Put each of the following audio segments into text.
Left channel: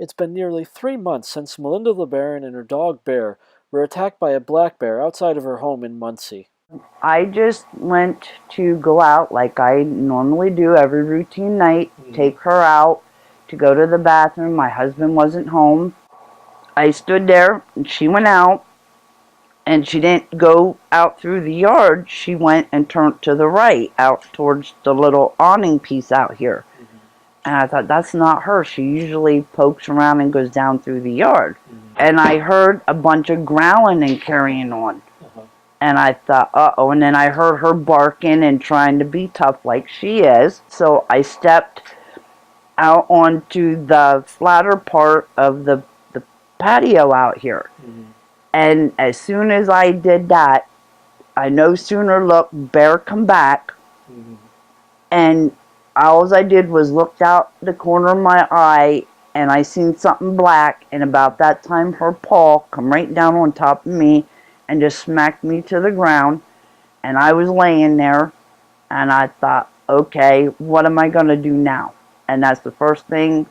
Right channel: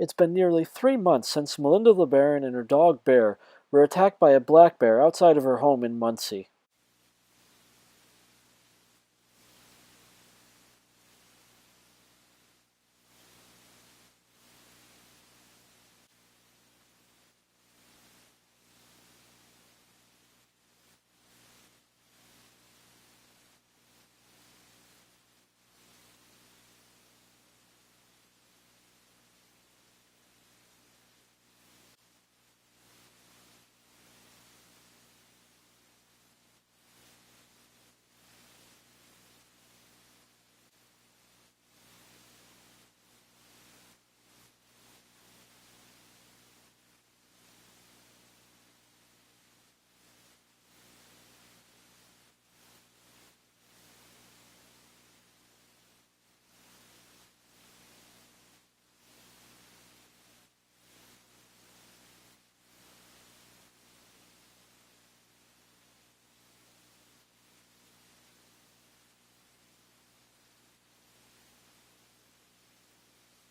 It's been nearly 3 months since Melinda LeBarron and her dog Bear were attacked by a black bear outside of her home in Muncie. I just went to go out like I normally do every routine night, take her out to go to the bathroom. My husband wasn't home. I stood there and she went out, and she didn't go out through the yard. She went and turned to the right out towards the little awning piece out here. And I thought, that's not her. She usually pokes around and goes down through the yard. And I heard a bunch of growling and carrying on. And I thought, uh-oh. And then I heard her barking and trying to be tough like she is. So I stepped out onto the flatter part of the patio out here. And as soon as I did that, I no sooner looked, Bear come back. And all I did was looked out the corner of my eye, and I seen something black, and about that time her paw come right down on top of me and just smacked me to the ground. And I was laying there, and I thought, okay, what am I going to do now? And that's the first thing.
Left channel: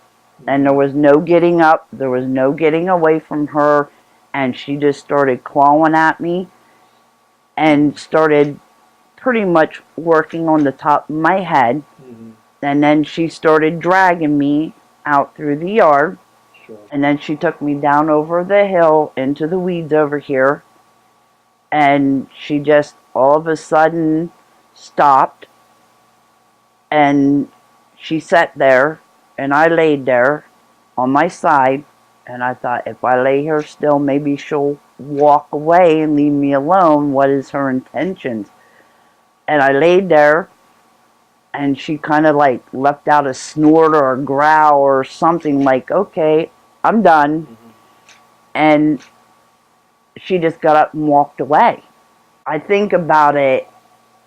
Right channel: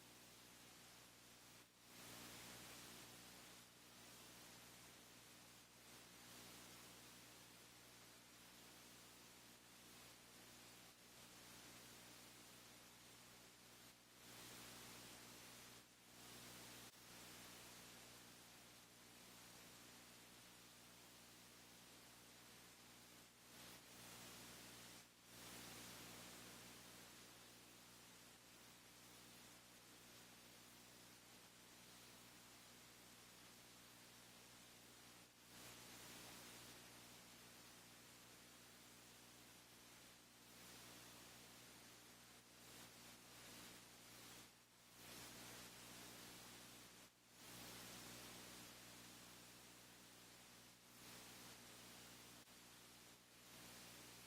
And there was no getting up, there was no getting away from her, and she just started clawing at me and started pretty much working on the top of my head. And then she started dragging me out through the yard. And then she took me down over the hill into the weeds over here. And she just all of a sudden stopped. And she sat there, and I laid there on my side. And I thought, if I lay here still, maybe she'll walk away and leave me alone. What is her intentions? And I laid there, and she kind of like left out a snort or a growl or something like, okay, I'm done. And she just got up and walked away. I think about it,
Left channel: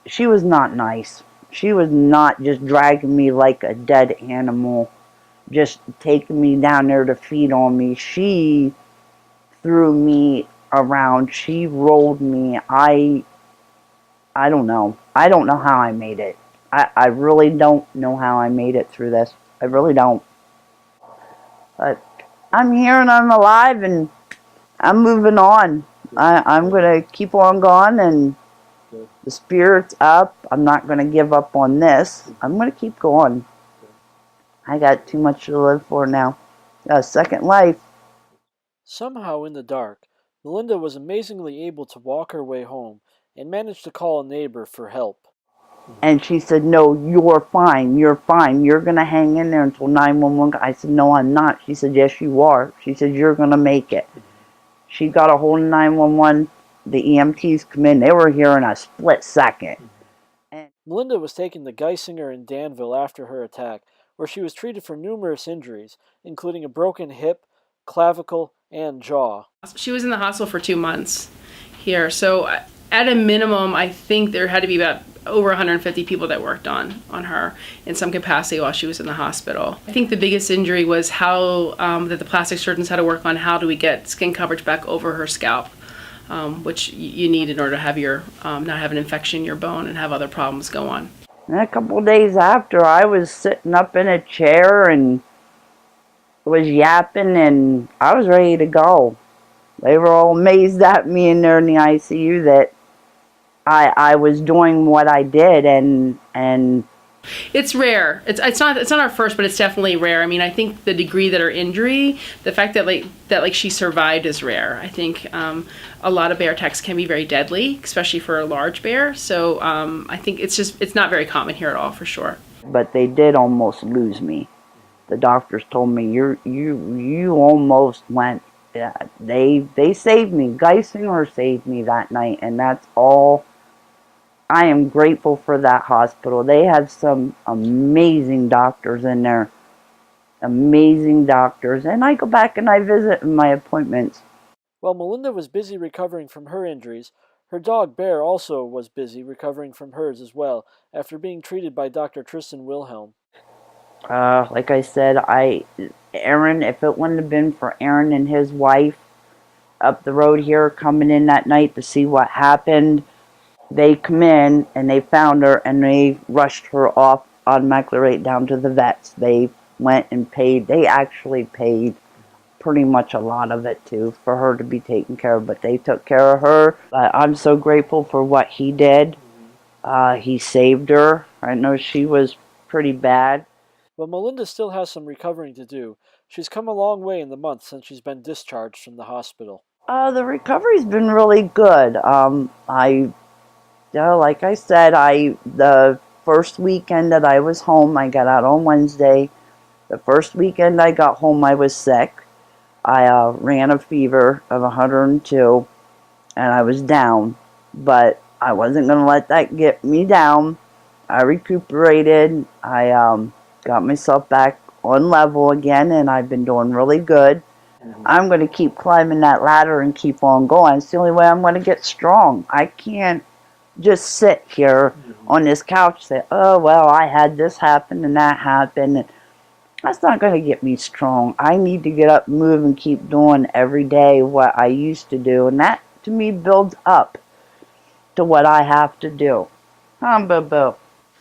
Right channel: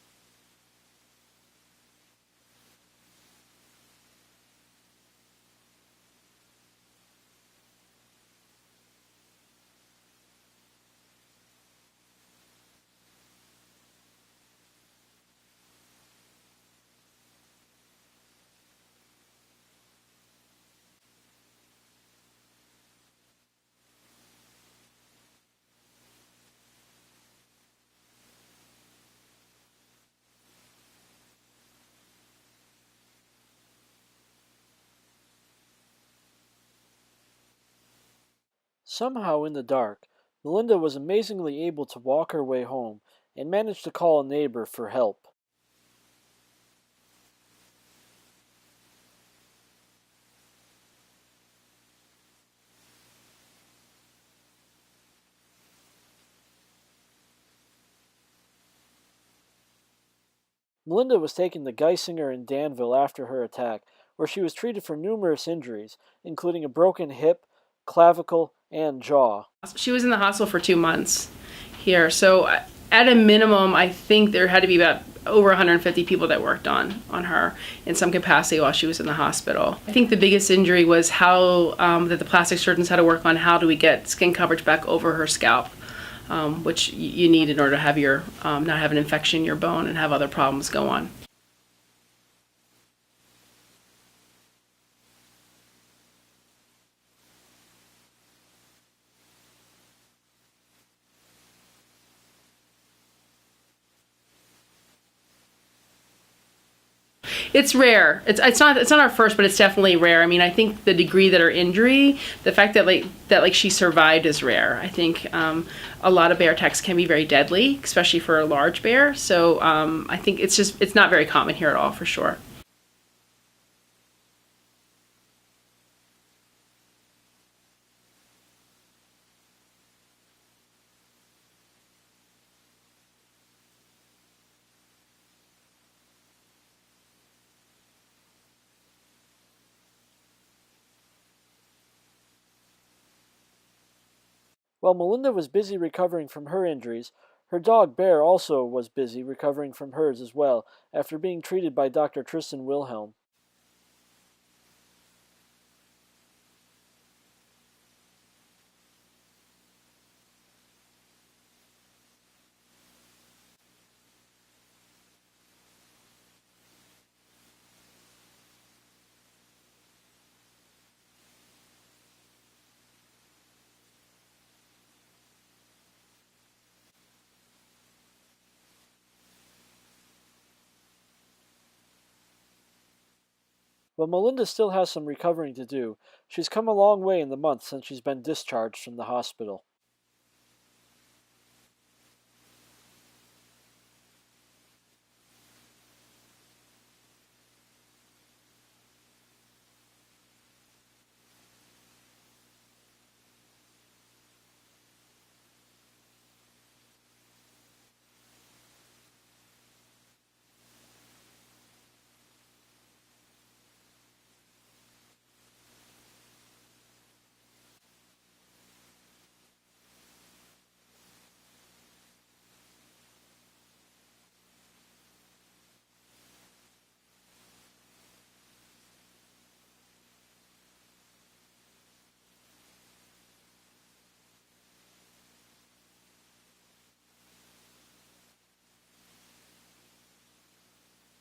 she was not nice. She was not just dragging me like a dead animal, just taking me down there to feed on me. She threw me around. She rolled me. I don't know. I don't know how I made it. I really don't know how I made it through this. I really don't. But I'm here and I'm alive and I'm moving on. I'm going to keep on going, and the spirit's up. I'm not going to give up on this. I'm going to keep going. I got too much to live for now. Got a second life. Somehow in the dark, Melinda was amazingly able to walk her way home and managed to call a neighbor for help. And she said, no, you're fine. You're fine. You're going to hang in there until 911. I said, no, I'm not. She said, yes, you are. She said, you're going to make it. She got a hold of 911. The EMTs come in. They were here in a split second. Melinda was taken to Geisinger in Danville after her attack, where she was treated for numerous injuries, including a broken hip, clavicle, and jaw. She was in the hospital for 2 months here, so at a minimum, I think there had to be about over 150 people that worked on her in some capacity while she was in the hospital. I think the biggest injury was how that the plastic surgeons had to work on how do we get skin coverage back over her scalp, which you need in order to have your not have an infection in your bone and have other problems go on. And a couple of days after, I was sitting up in a chair and was yapping, and I was ready to go. They were all amazed at me in there in the ICU that I was doing what I did, and it's rare. It's not our first, but it's definitely rare. I mean, I think the degree that her injury, the fact that she survived is rare. I think a lot of bear attacks can be very deadly, especially for a large bear. So I think it's not very common here at all, for sure. But they did almost lose me. The doctors told me you almost went. Yeah, they saved me. Geisinger saved me that night, and that's all. I am grateful for that hospital. They have some amazing doctors in there. Amazing doctors. And I go back and I visit in my appointments. While Melinda was busy recovering from her injuries, her dog Bear also was busy recovering from hers as well, after being treated by Dr. Tristan Wilhelm. Like I said, Aaron, if it wouldn't have been for Aaron and his wife up the road here coming in that night to see what happened, they come in and they found her and they rushed her off automatically right down to the vets. They went and paid. They actually paid pretty much a lot of it too for her to be taken care of, but they took care of her. But I'm so grateful for what he did. He saved her. I know she was pretty bad. But Melinda still has some recovering to do. She's come a long way in the month since she's been discharged from the hospital. The recovery's been really good. Like I said, the first weekend that I was home, I got out on Wednesday. The first weekend I got home, I was sick. I ran a fever of 102, and I was down. But I wasn't going to let that get me down. I recuperated. I got myself back on level again, and I've been doing really good. I'm going to keep climbing that ladder and keep on going. It's the only way I'm going to get strong. I can't just sit here on this couch and say, oh, well, I had this happen and that happened. That's not going to get me strong. I need to get up and move and keep doing every day what I used to do. And that, to me, builds up to what I have to do. Boo-boo.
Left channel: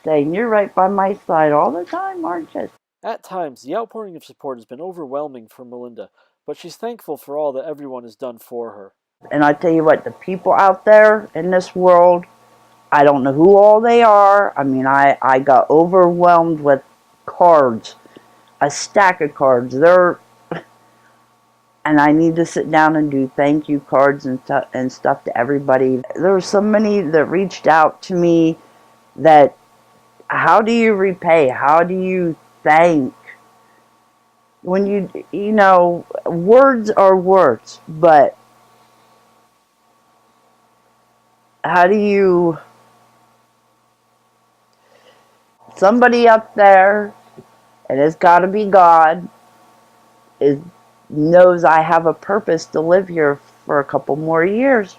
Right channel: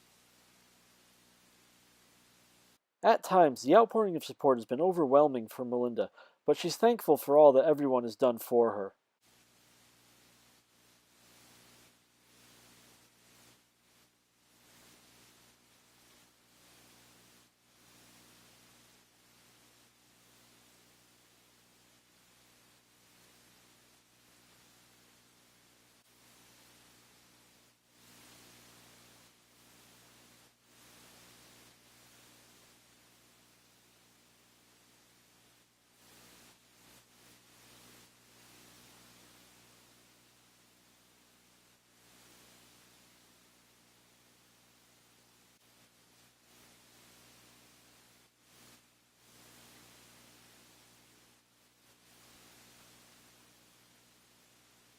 Saying, you're right by my side all the time, aren't you? At times, the outpouring of support has been overwhelming for Melinda, but she's thankful for all that everyone has done for her. And I tell you what, the people out there in this world, I don't know who all they are. I mean, I got overwhelmed with cards, a stack of cards. And I need to sit down and do thank you cards and stuff to everybody. There were so many that reached out to me that, how do you repay? How do you thank? When you know, words are words, but how do you, somebody up there, and it's got to be God, knows I have a purpose to live here for a couple more years,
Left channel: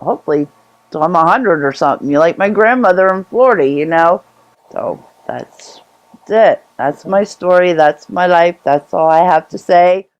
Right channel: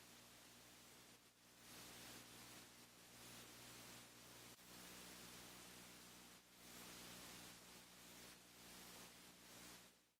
hopefully till I'm 100 or something. You like my grandmother in Florida, you know. So that's it. That's my story. That's my life. That's all I have to say.